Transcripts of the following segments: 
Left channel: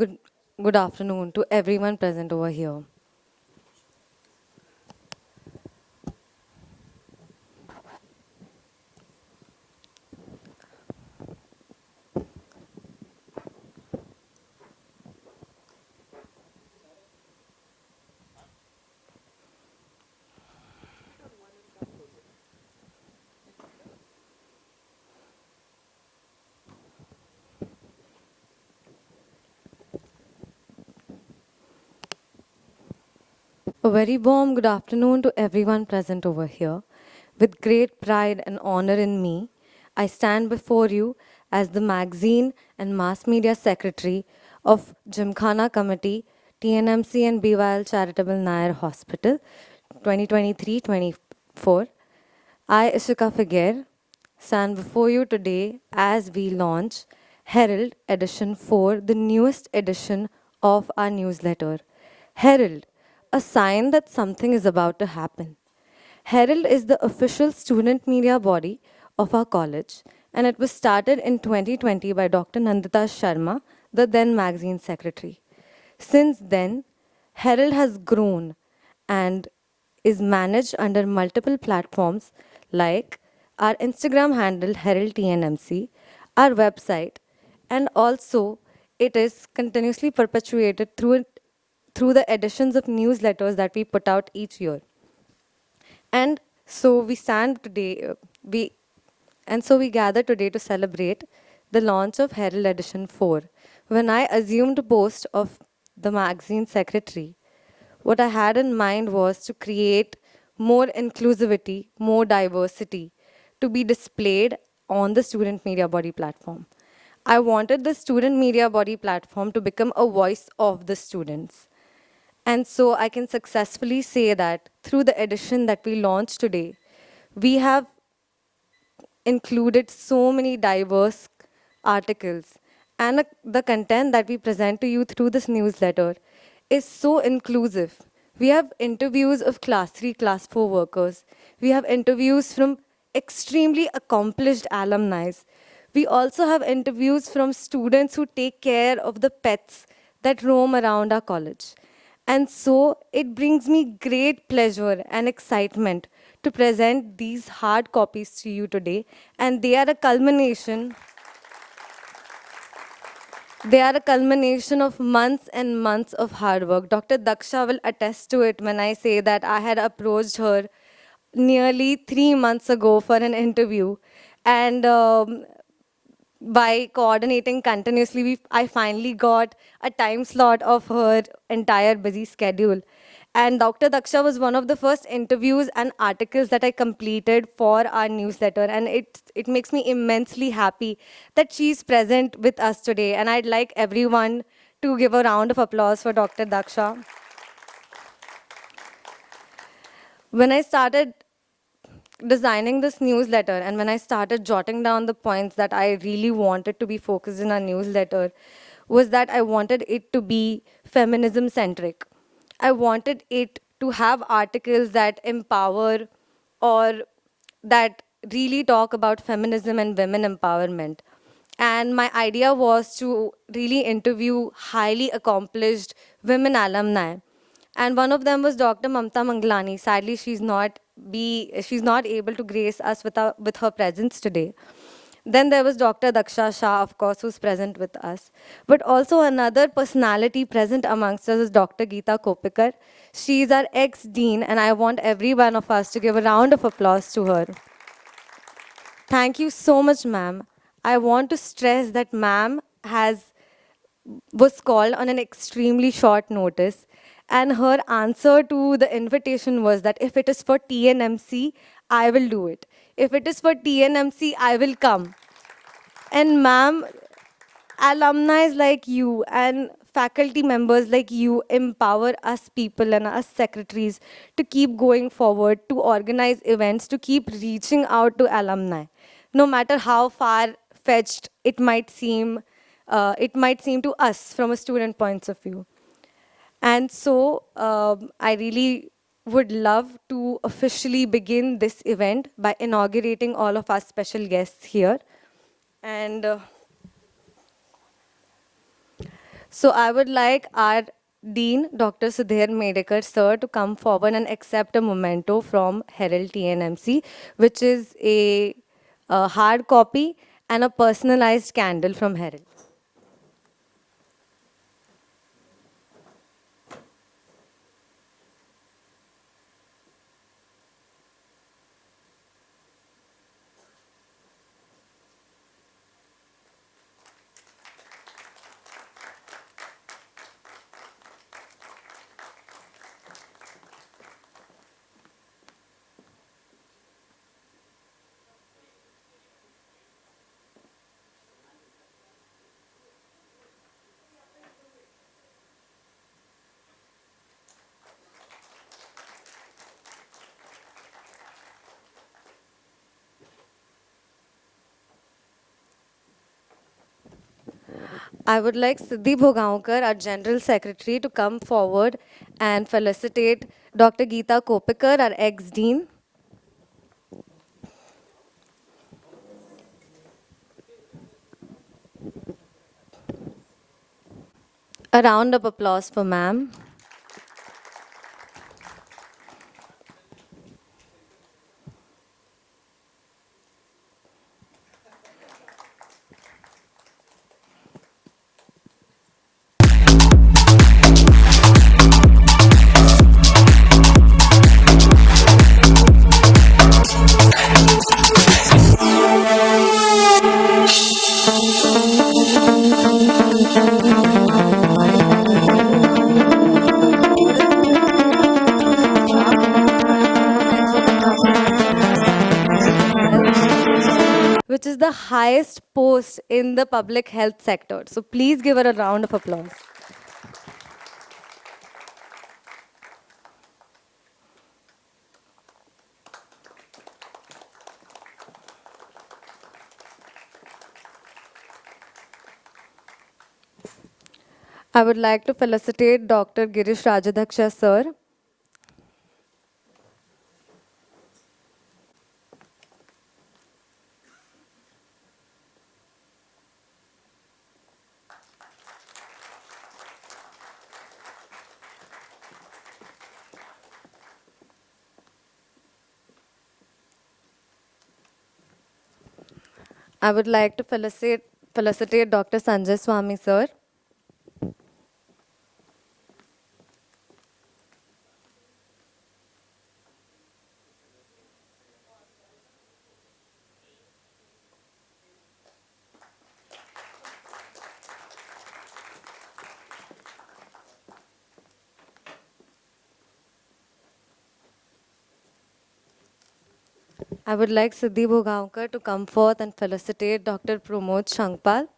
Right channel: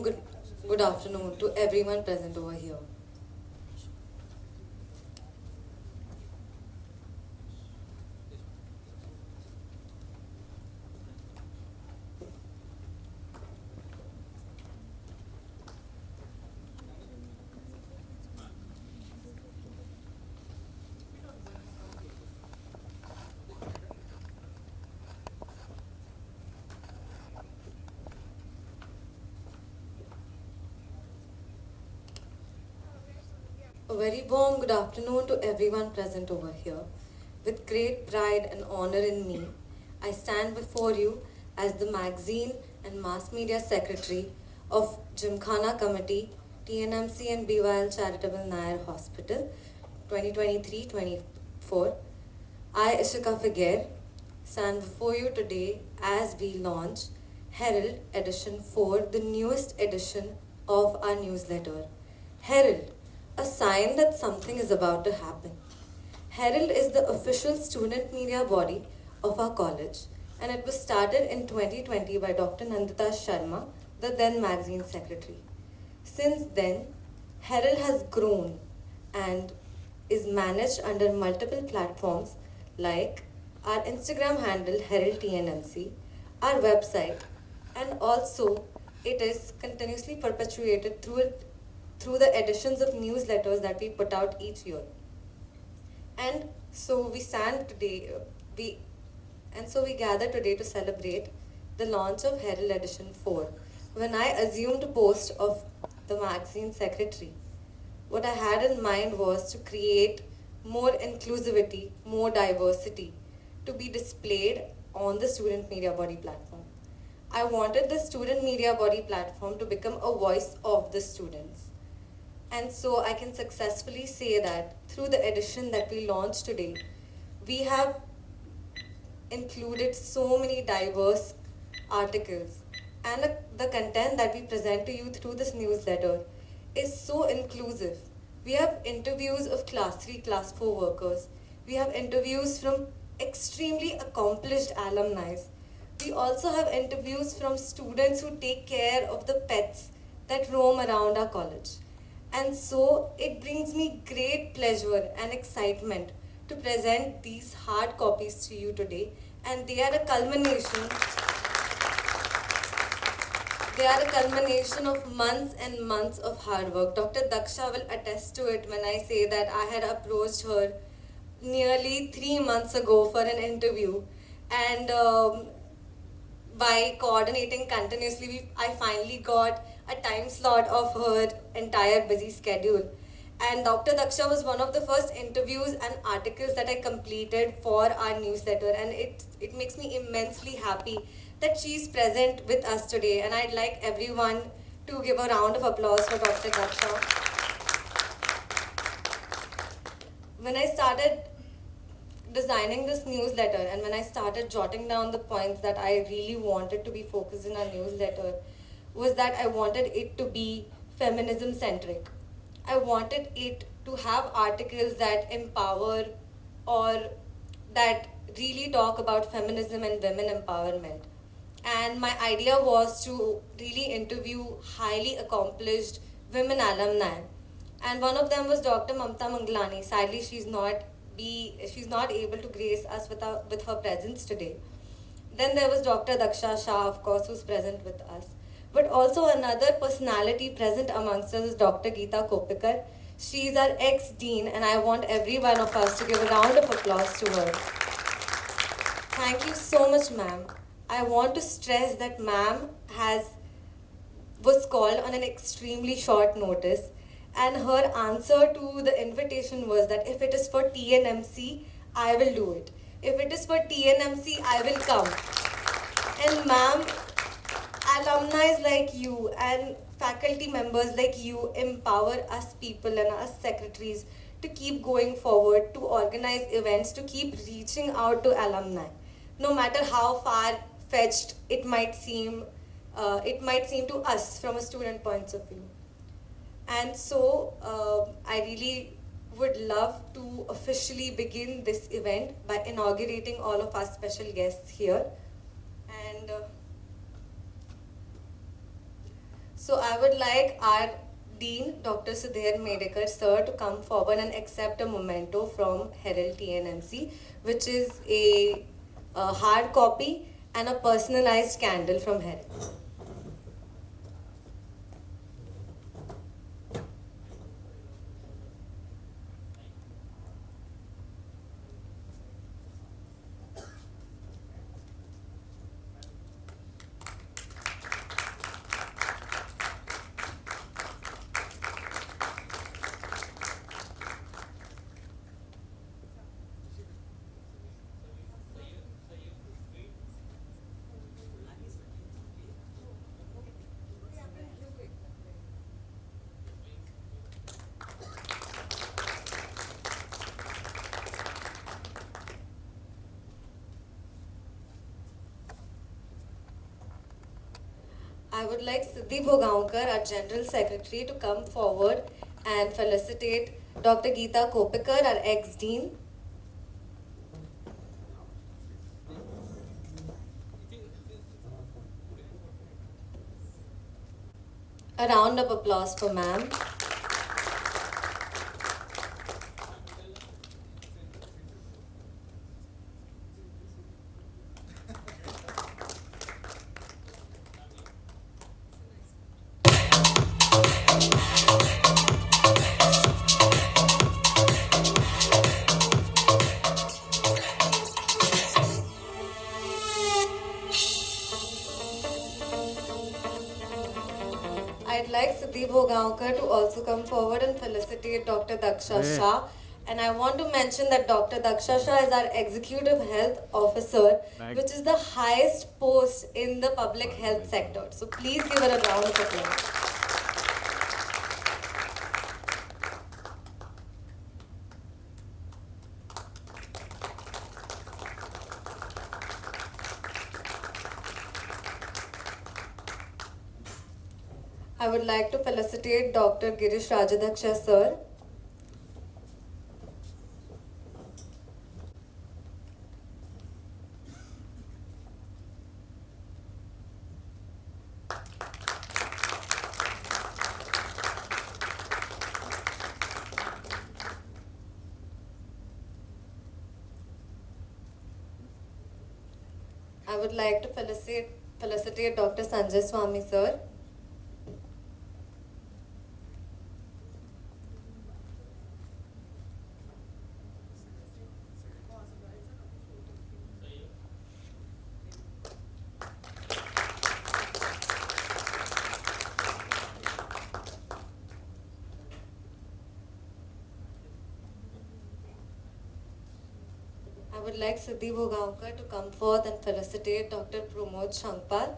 good afternoon to everyone present over here. A very warm good afternoon to everyone present over here. With great pride and honor in me, I stand before you as the magazine and mass media secretary of Gymkhana Committee, TNMC and BYL Charitable Nair Hospital, 2023-24. I, Ishika Figuer, stand before you today as we launch Herald Edition 4, the newest edition of our newsletter. Herald, a sign that something is about to happen. Herald is the official student media body of our college, and it was started in 2020 by Dr. Nandita Sharma, the then magazine secretary. Since then, Herald has grown and is managed under multiple platforms like our Instagram handle Herald TNMC, our website, and also it is continuously perpetuated through the editions of newsletters that we put out each year. And so we stand today, we and so we gather today to celebrate the launch of Herald Edition 4. When I assumed post of the magazine secretary, what I had in mind was to create more inclusivity, more diversity to be displayed on the student media body platform. I wanted the student media body platform to become a voice of the students. And so I can successfully say that through the edition that we launched today, we have included so many diverse articles. And the content that we present to you through this newsletter is so inclusive. We have interviews of class 3, class 4 workers. We have interviews from extremely accomplished alumni. We also have interviews from students who take care of the pets that roam around our college. And so it brings me great pleasure and excitement to present these hard copies to you today. And they are a culmination. They are a culmination of months and months of hard work. Dr. Daksha will attest to it when I say that I had approached her nearly 3 months ago for an interview. And by coordinating continuously, I finally got a time slot of her entire busy schedule. And Dr. Daksha was one of the first interviews and articles that I completed for our newsletter. And it makes me immensely happy that she's present with us today. And I'd like everyone to give a round of applause for Dr. Daksha. When I started designing this newsletter and when I started jotting down the points that I really wanted to be focused in our newsletter, was that I wanted it to be feminism centric. I wanted it to have articles that empower or that really talk about feminism and women empowerment. And my idea was to really interview highly accomplished women alumni. And one of them was Dr. Mamta Manglani. Sadly, she's not able to grace us with her presence today. Then there was Dr. Daksha Shah, of course, who's present with us. But also another personality present amongst us is Dr. Geeta Kopikar. She's our ex-dean, and I want every one of us to give a round of applause to her. Thank you so much, ma'am. I want to stress that ma'am was called on an extremely short notice, and her answer to the invitation was that if it is for TNMC, I will do it. If it is for TNMC, I will come. And ma'am, alumni like you and faculty members like you empower us people and us secretaries to keep going forward, to organize events, to keep reaching out to alumni. No matter how far-fetched it might seem to us from a student point of view. And so I really would love to officially begin this event by inaugurating all of our special guests here. And So I would like our Dean, Dr. Sudhir Medekar, sir, to come forward and accept a memento from Herald TNMC, which is a hard copy and a personalized candle from Herald. I would like Siddhi Bhogaonkar, our General Secretary, to come forward and felicitate Dr. Geeta Kopikar, our ex-Dean. A round of applause for ma'am. Which is the highest post in the public health sector. So please give her a round of applause. I would like to felicitate Dr. Girish Rajadhaksha, sir. I would like to felicitate Dr. Sanjay Swami, sir. I would like Siddhi Bhogaonkar to come forth and felicitate Dr. Pramod Shankpal.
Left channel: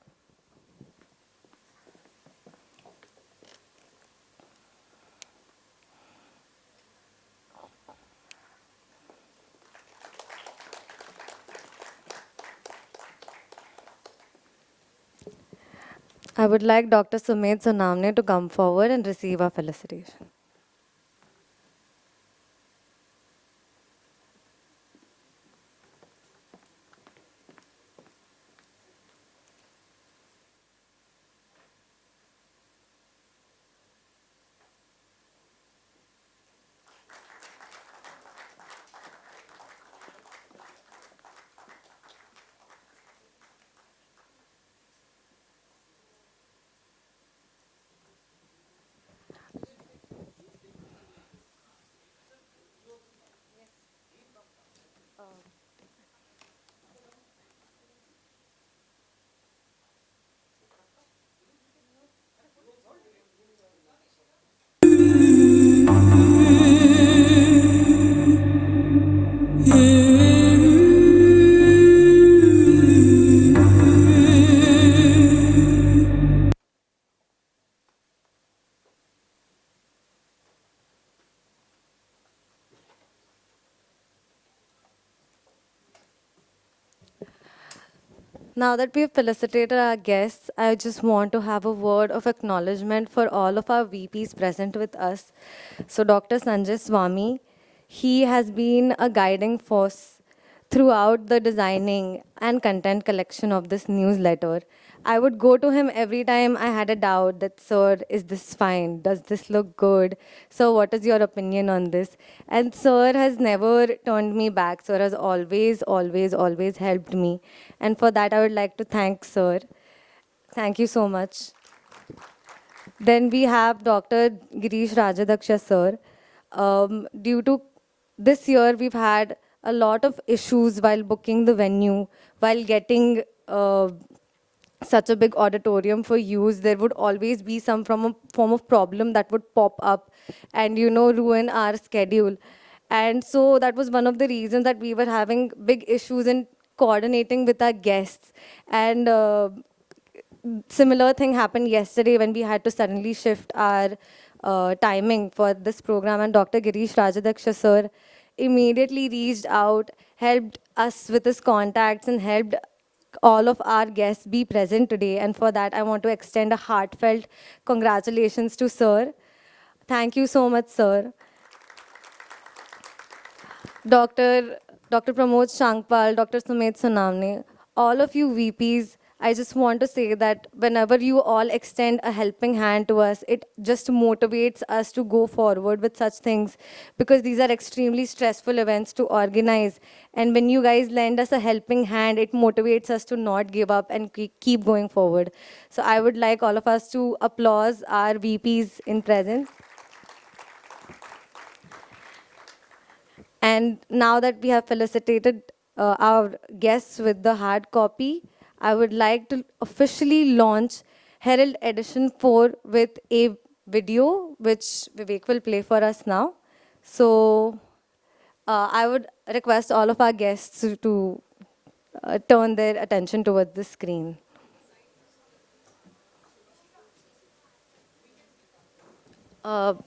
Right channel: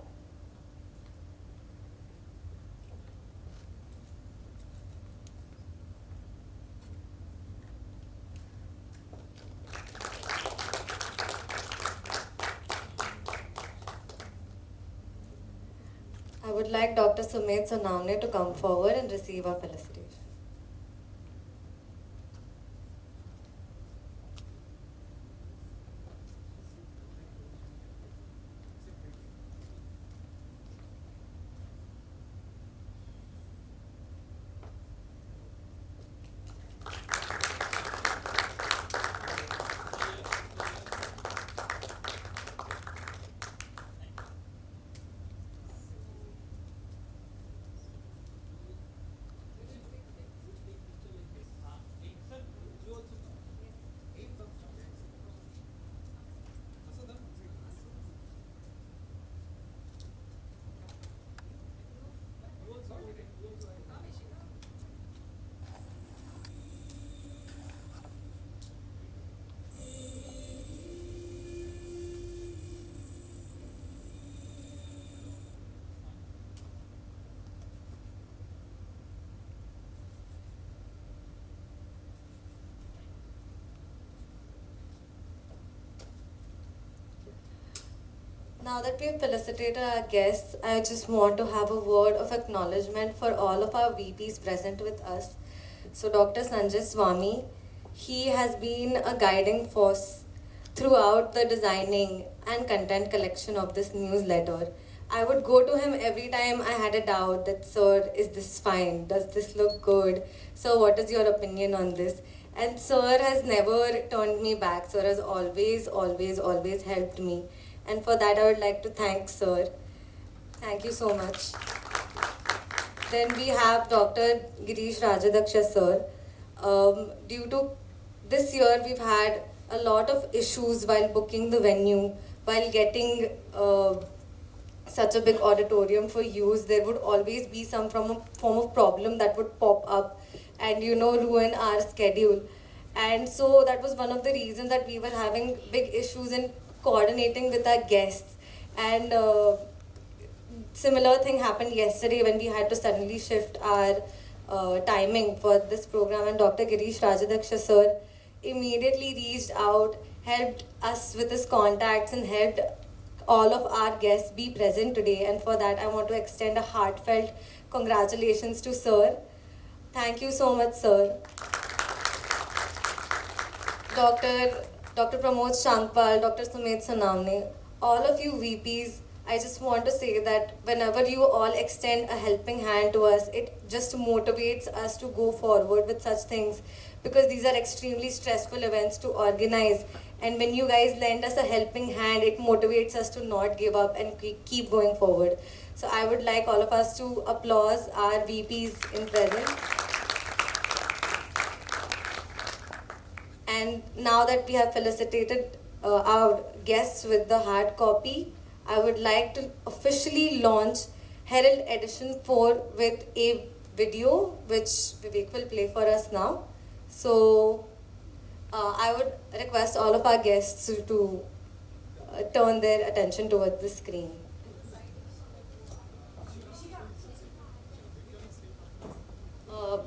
I would like Dr. Sumit Sonamne to come forward and receive our felicitation. Now that we've felicitated our guests, I just want to have a word of acknowledgement for all of our VPs present with us. So Dr. Sanjay Swami, he has been a guiding force throughout the designing and content collection of this newsletter. I would go to him every time I had a doubt that, sir, is this fine? Does this look good? Sir, what is your opinion on this? And sir has never turned me back. Sir has always, always, always helped me. And for that, I would like to thank sir. Thank you so much. Then we have Dr. Girish Rajadaksha sir. Due to this year, we've had a lot of issues while booking the venue, while getting such a big auditorium for use. There would always be some form of problem that would pop up and ruin our schedule. And so that was one of the reasons that we were having big issues in coordinating with our guests. And similar thing happened yesterday when we had to suddenly shift our timing for this program, and Dr. Girish Rajadaksha sir immediately reached out, helped us with his contacts, and helped all of our guests be present today. And for that, I want to extend a heartfelt congratulations to sir. Thank you so much, sir. Dr. Dr. Pramod Shankpal, Dr. Sumit Sonamne, all of you VPs, I just want to say that whenever you all extend a helping hand to us, it just motivates us to go forward with such things, because these are extremely stressful events to organize. And when you guys lend us a helping hand, it motivates us to not give up and keep going forward. So I would like all of us to applause our VPs in presence. And now that we have felicitated our guests with the hard copy, I would like to officially launch Herald Edition 4 with a video which Vivek will play for us now. So I would request all of our guests to turn their attention towards the screen. Uh,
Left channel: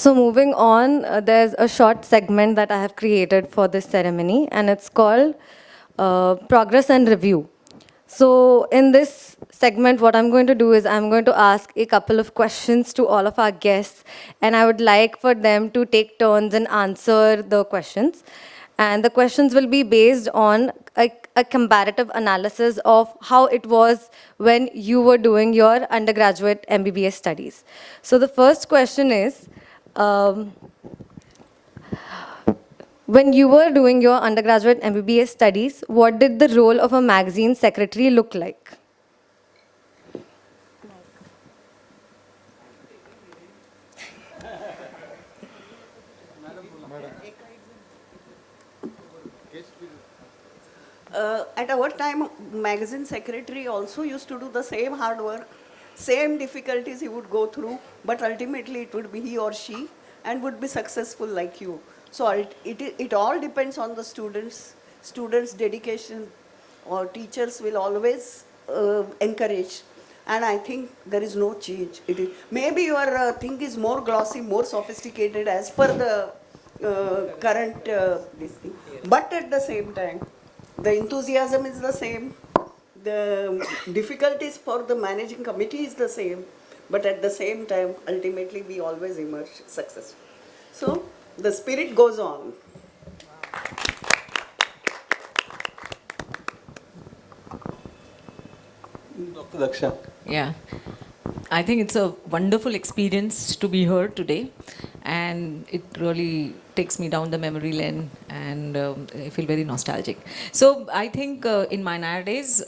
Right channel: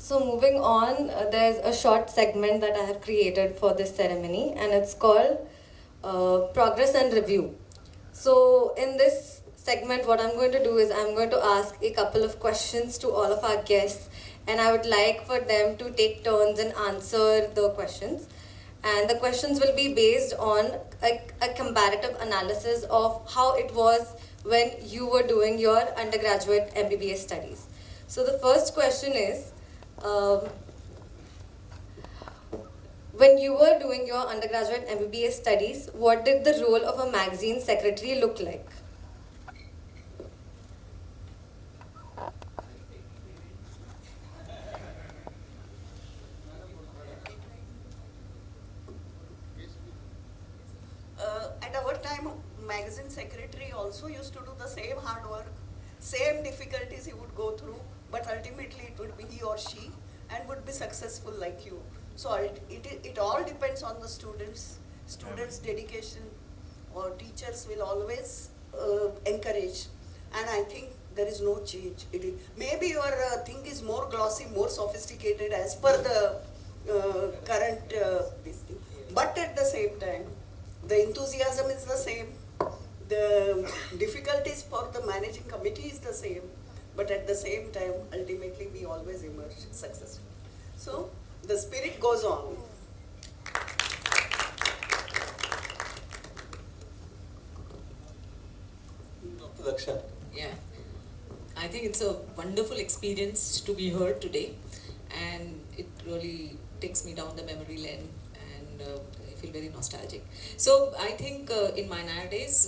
So moving on, there's a short segment that I have created for this ceremony, and it's called Progress and Review. So in this segment, what I'm going to do is I'm going to ask a couple of questions to all of our guests, and I would like for them to take turns and answer the questions. And the questions will be based on a comparative analysis of how it was when you were doing your undergraduate MBBS studies. So the first question is, um, when you were doing your undergraduate MBBS studies, what did the role of a magazine secretary look like? At our time, magazine secretary also used to do the same hard work, same difficulties he would go through, but ultimately it would be he or she and would be successful like you. So it all depends on the students' dedication, or teachers will always encourage. And I think there is no change. Maybe your thing is more glossy, more sophisticated as per the current this thing. But at the same time, the enthusiasm is the same. The difficulties for the managing committee is the same. But at the same time, ultimately, we always emerge successful. So the spirit goes on. Dr. Daksha. Yeah, I think it's a wonderful experience to be here today, and it really takes me down the memory lane, and I feel very nostalgic. So I think in my nowadays,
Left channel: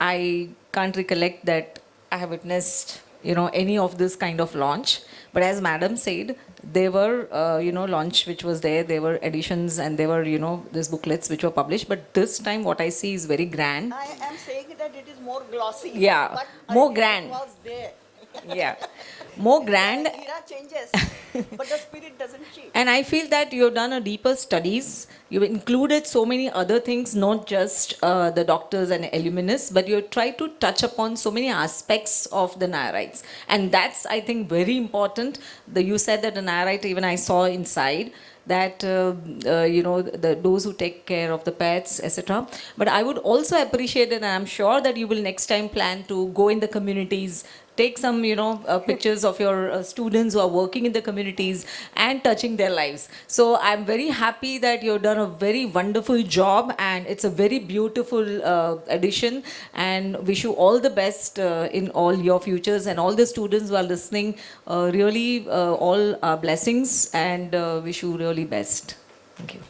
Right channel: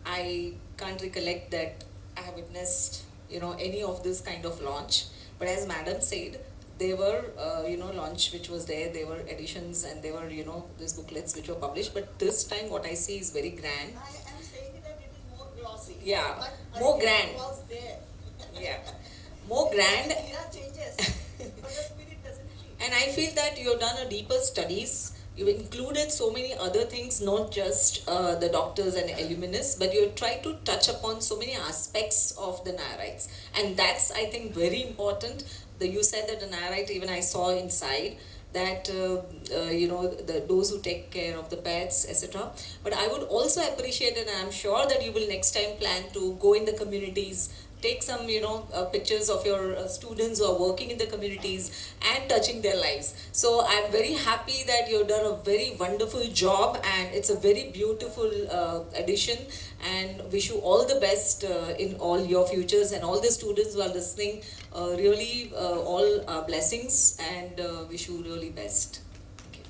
I can't recollect that I have witnessed any of this kind of launch. But as Madam said, there were, launch which was there. There were editions and there were, these booklets which were published. But this time, what I see is very grand. I am saying that it is more glossy. Yeah, but more ultimately grand. Was there. Yeah, more grand. Era changes, but the spirit doesn't change. And I feel that you've done a deeper studies. You've included so many other things, not just the doctors and alumnus, but you try to touch upon so many aspects of the Nayarites. And that's, I think, very important. You said that the Nayarite, even I saw inside, that those who take care of the pets, etc. But I would also appreciate it, and I'm sure that you will next time plan to go in the communities, take some pictures of your students who are working in the communities and touching their lives. So I'm very happy that you've done a very wonderful job, and it's a very beautiful addition, and wish you all the best in all your futures, and all the students who are listening, really all blessings, and wish you really best. Thank you.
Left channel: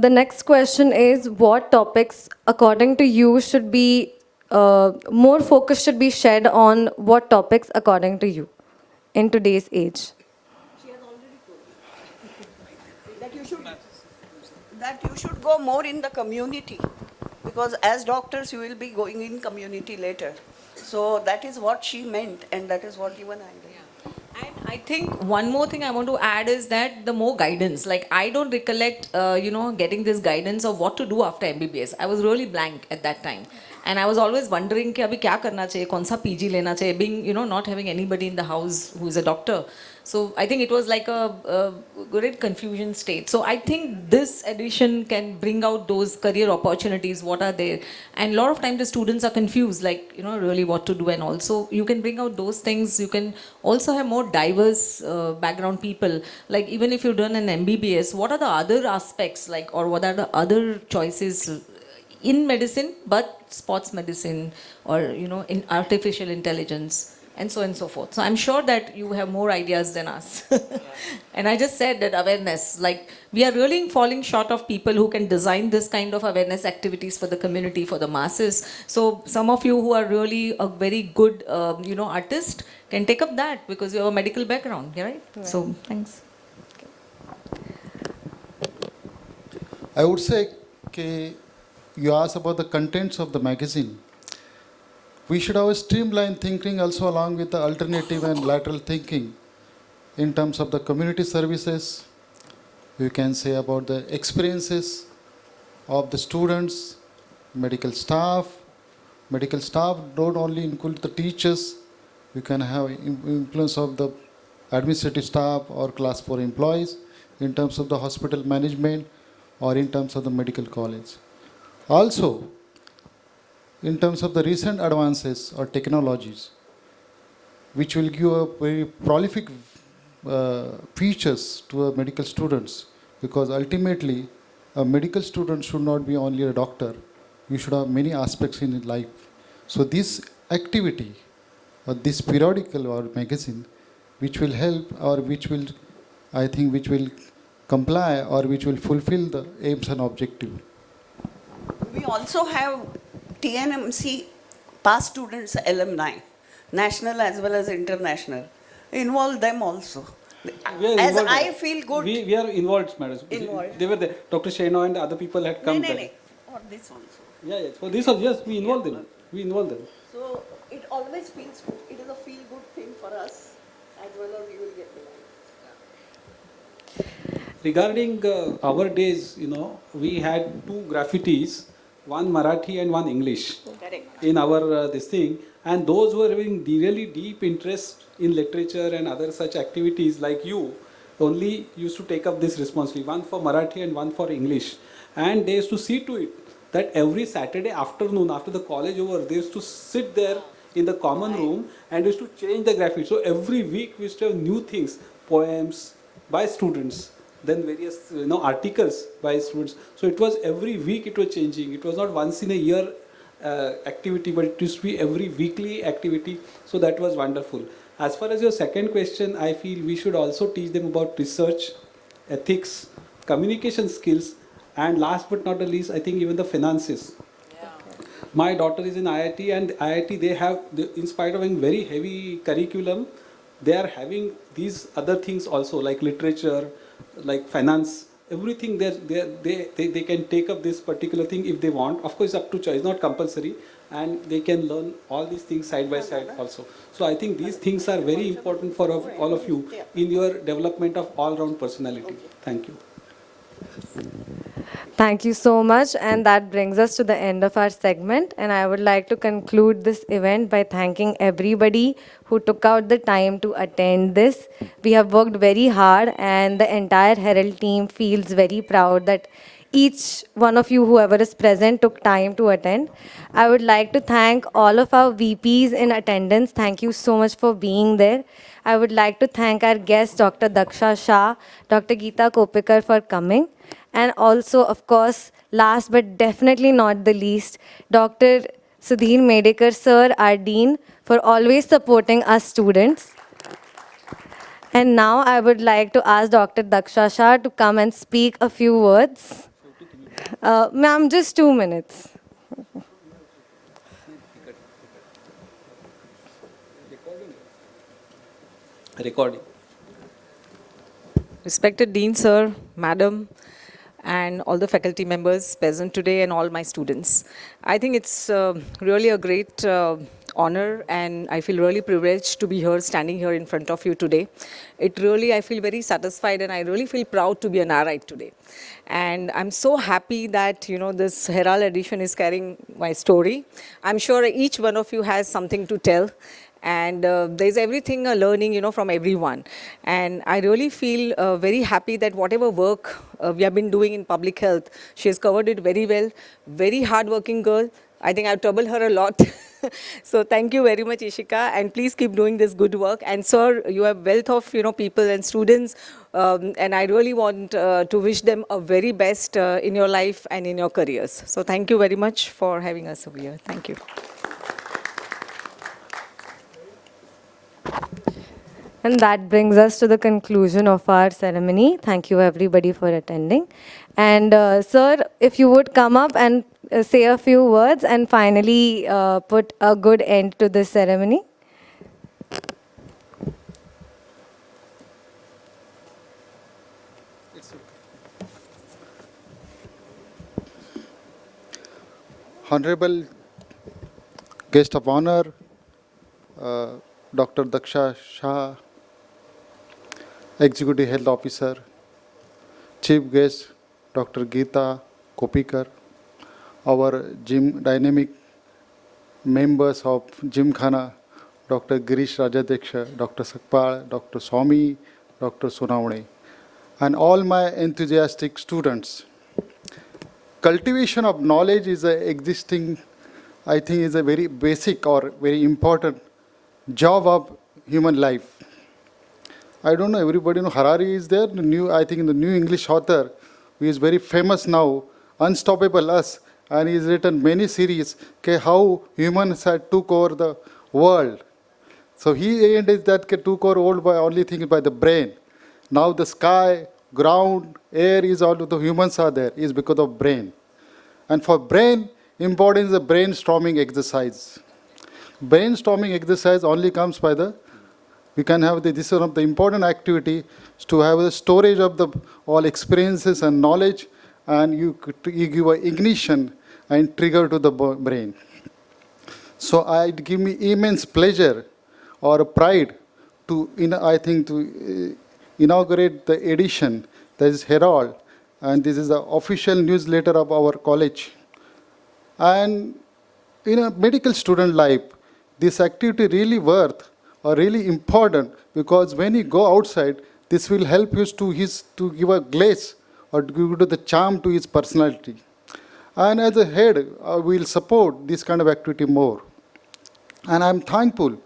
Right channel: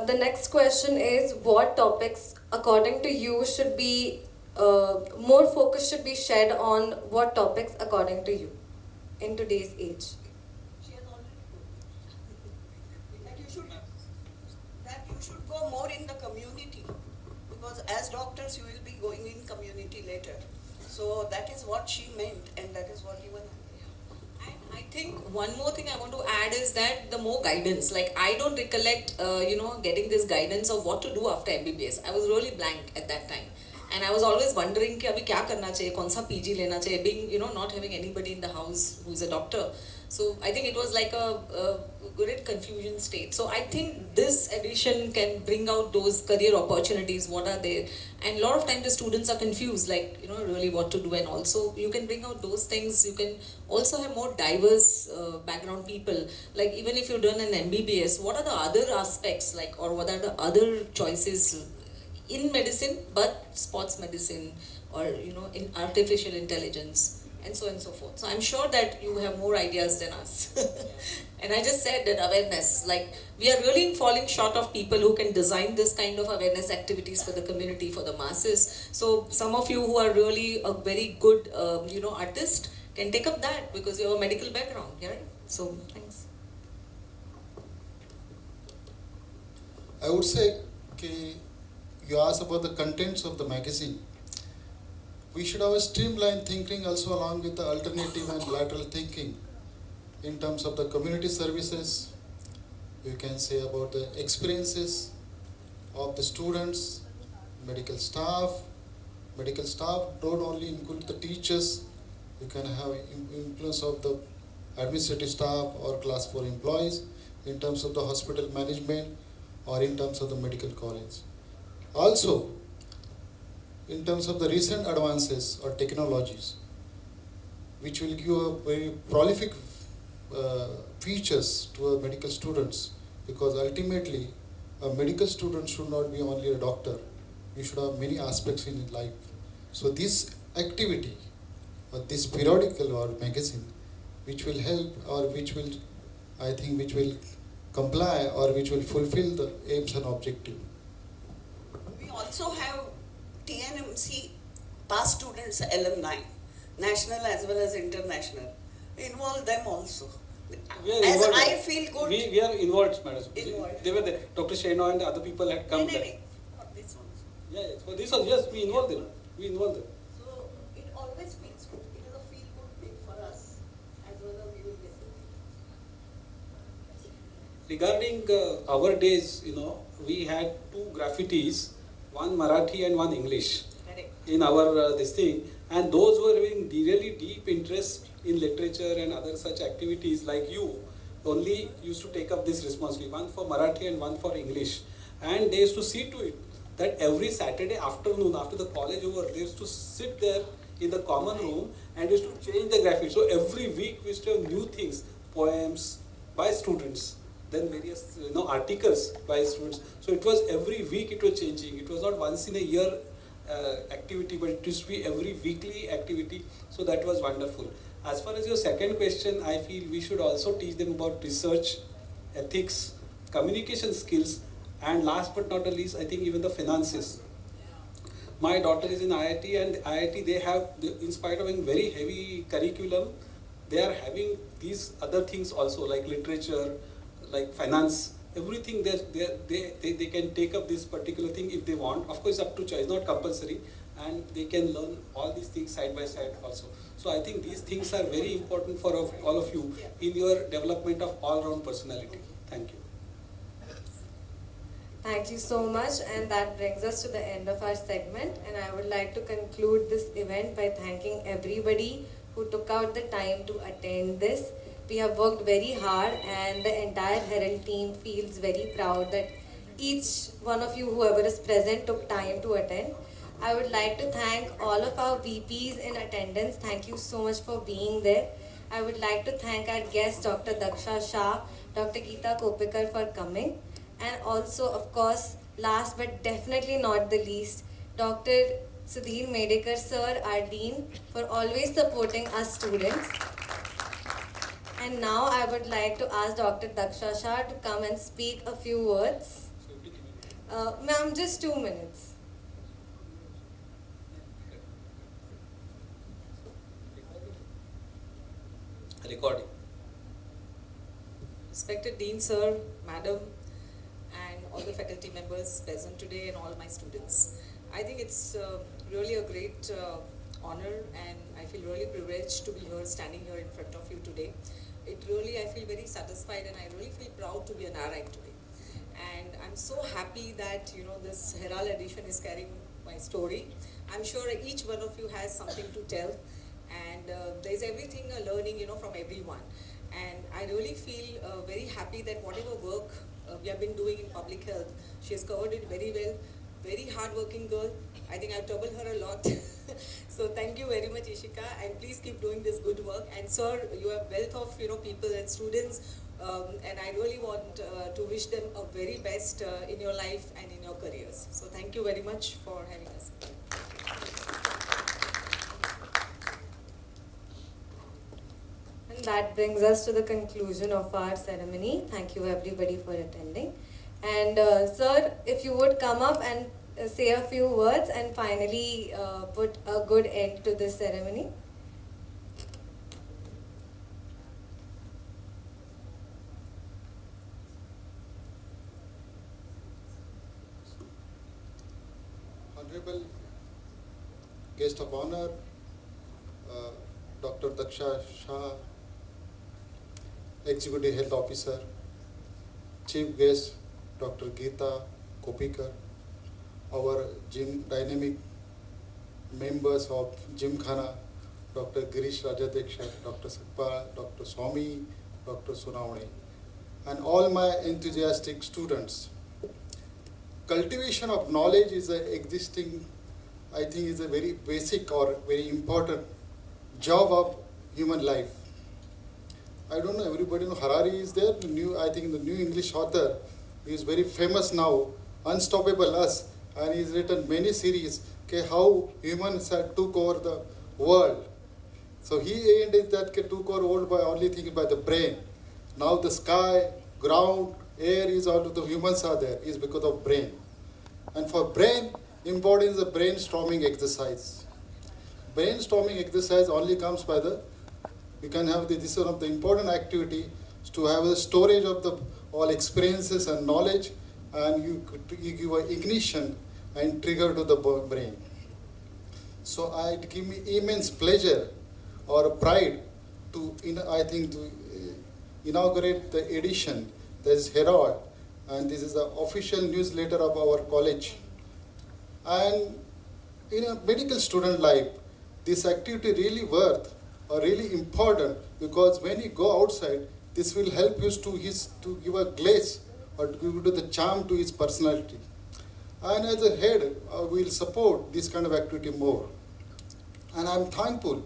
The next question is, what topics, according to you, should be more focus should be shed on what topics, according to you, in today's age? She has already told that you should go more in the community, because as doctors you will be going in community later. So that is what she meant, and that is what even I did. And I think one more thing I want to add is that the more guidance, like I don't recollect, getting this guidance of what to do after MBBS. I was really blank at that time. And I was always wondering कि अभी क्या करना चाहिए, कौन सा PG लेना चाहिए, being, not having anybody in the house who is a doctor. So I think it was like a great confusion state. So I think this edition can bring out those career opportunities, what are there. And a lot of times the students are confused, like, really what to do, and also you can bring out those things. You can also have more diverse background people. Like even if you've done an MBBS, what are the other aspects, like, or what are the other choices in medicine, but sports medicine, or in artificial intelligence, and so on and so forth. So I'm sure that you have more ideas than us. And I just said that awareness, like we are really falling short of people who can design this kind of awareness activities for the community, for the masses. So some of you who are really a very good, artist can take up that, because you have a medical background, right? So thanks. I would say, okay, you asked about the contents of the magazine. We should have a streamlined thinking also along with the alternative and lateral thinking in terms of the community services. You can say about the experiences of the students, medical staff. Medical staff don't only include the teachers. You can have influence of the administrative staff or class 4 employees in terms of the hospital management or in terms of the medical college. Also, in terms of the recent advances or technologies, which will give a very prolific features to the medical students, because ultimately a medical student should not be only a doctor. You should have many aspects in life. So this activity or this periodical or magazine, which will help or which will, I think, which will comply or which will fulfill the aims and objective. We also have TNMC past students, alumni, national as well as international. Involve them also. As involved. I feel good. We are involved, madam. Involved. They were there. Dr. Sheno and other people had come there. Or this one. Yeah. For this one, yes, we involved them. We involved them. So it always feels good. It is a feel good thing for us, and whether we will get selected. Regarding our days, we had two graffitis, one Marathi and one English. Correct. In our this thing, and those were having really deep interest in literature and other such activities like you, only used to take up this responsibility, one for Marathi and one for English. And they used to see to it that every Saturday afternoon after the college over, they used to sit there in the common room and used to change the graphics. So every week we used to have new things, poems by students, then various articles by students. So it was every week it was changing. It was not once in a year activity, but it used to be every weekly activity. So that was wonderful. As far as your second question, I feel we should also teach them about research, ethics, communication skills, and last but not the least, I think even the finances. My daughter is in IIT, and IIT in spite of having very heavy curriculum, they are having these other things also, like literature, like finance, everything. They can take up this particular thing if they want. Of course, up to choice, not compulsory, and they can learn all these things side by side also. So I think these things are very important for all of you in your development of all-round personality. Thank you. Thank you so much, and that brings us to the end of our segment. And I would like to conclude this event by thanking everybody who took out the time to attend this. We have worked very hard, and the entire Herald team feels very proud that each one of you, whoever is present, took time to attend. I would like to thank all of our VPs in attendance. Thank you so much for being there. I would like to thank our guest, Dr. Daksha Shah, Dr. Geeta Kopikar, for coming. And also, of course, last but definitely not the least, Dr. Sudhir Medekar sir, our dean, for always supporting us students. And now I would like to ask Dr. Daksha Shah to come and speak a few words. Ma'am, just 2 minutes. Record. Respected Dean Sir, Madam, and all the faculty members present today and all my students. I think it's really a great honor, and I feel really privileged to be here, standing here in front of you today. I feel very satisfied, and I really feel proud to be an RI today. And I'm so happy that, this Herald edition is carrying my story. I'm sure each one of you has something to tell. And there's everything learning, from everyone. And I really feel very happy that whatever work we have been doing in public health, she has covered it very well. Very hardworking girl. I think I've troubled her a lot. So thank you very much, Ishika, and please keep doing this good work. And sir, you have wealth of people and students, and I really want to wish them a very best in your life and in your careers. So thank you very much for having us over here. Thank you. And that brings us to the conclusion of our ceremony. Thank you everybody for attending. And sir, if you would come up and say a few words and finally put a good end to this ceremony. Honorable guest of honor, Dr. Daksha Shah, Executive Health Officer, Chief Guest, Dr. Geeta Kopikar, our gym dynamic members of Gymkhana, Dr. Girish Rajadeksha, Dr. Sakpal, Dr. Swami, Dr. Sunavane, and all my enthusiastic students. Cultivation of knowledge is I think is a very basic or very important job of human life. I don't know, everybody know Harari is there, I think in the new English author, who is very famous now, Unstoppable Us, and he's written many series, how humans had took over the world. So he ended that took over world by only thinking by the brain. Now the sky, ground, air is all the humans are there, is because of brain. And for brain, important is the brainstorming exercise. Brainstorming exercise only comes by we can have this is one of the important activity to have the storage of the all experiences and knowledge, and you give an ignition and trigger to the brain. So it give me immense pleasure or pride to inaugurate the edition, that is Herald, and this is the official newsletter of our college. And in a medical student life, this activity really worth or really important, because when you go outside, this will help you to give a glaze or to give the charm to his personality. And as a head, we will support this kind of activity more. And I'm thankful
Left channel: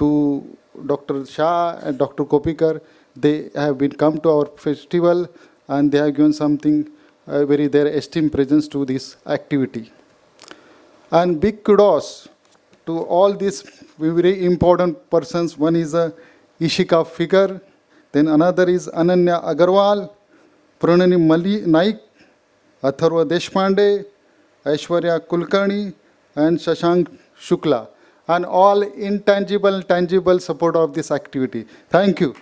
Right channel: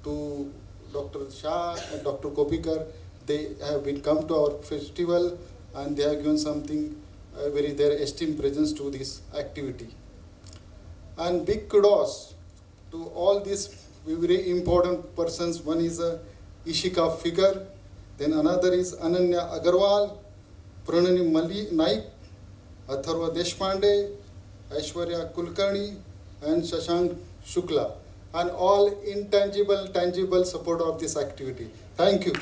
to Dr. Shah and Dr. Kopikar. They have come to our festival, and they have given something their esteemed presence to this activity. And big kudos to all these very important persons. One is Ishika Figure, then another is Ananya Agarwal, Pranani Naik, Atharva Deshpande, Aishwarya Kulkarni, and Shashank Shukla, and all intangible, tangible support of this activity. Thank you.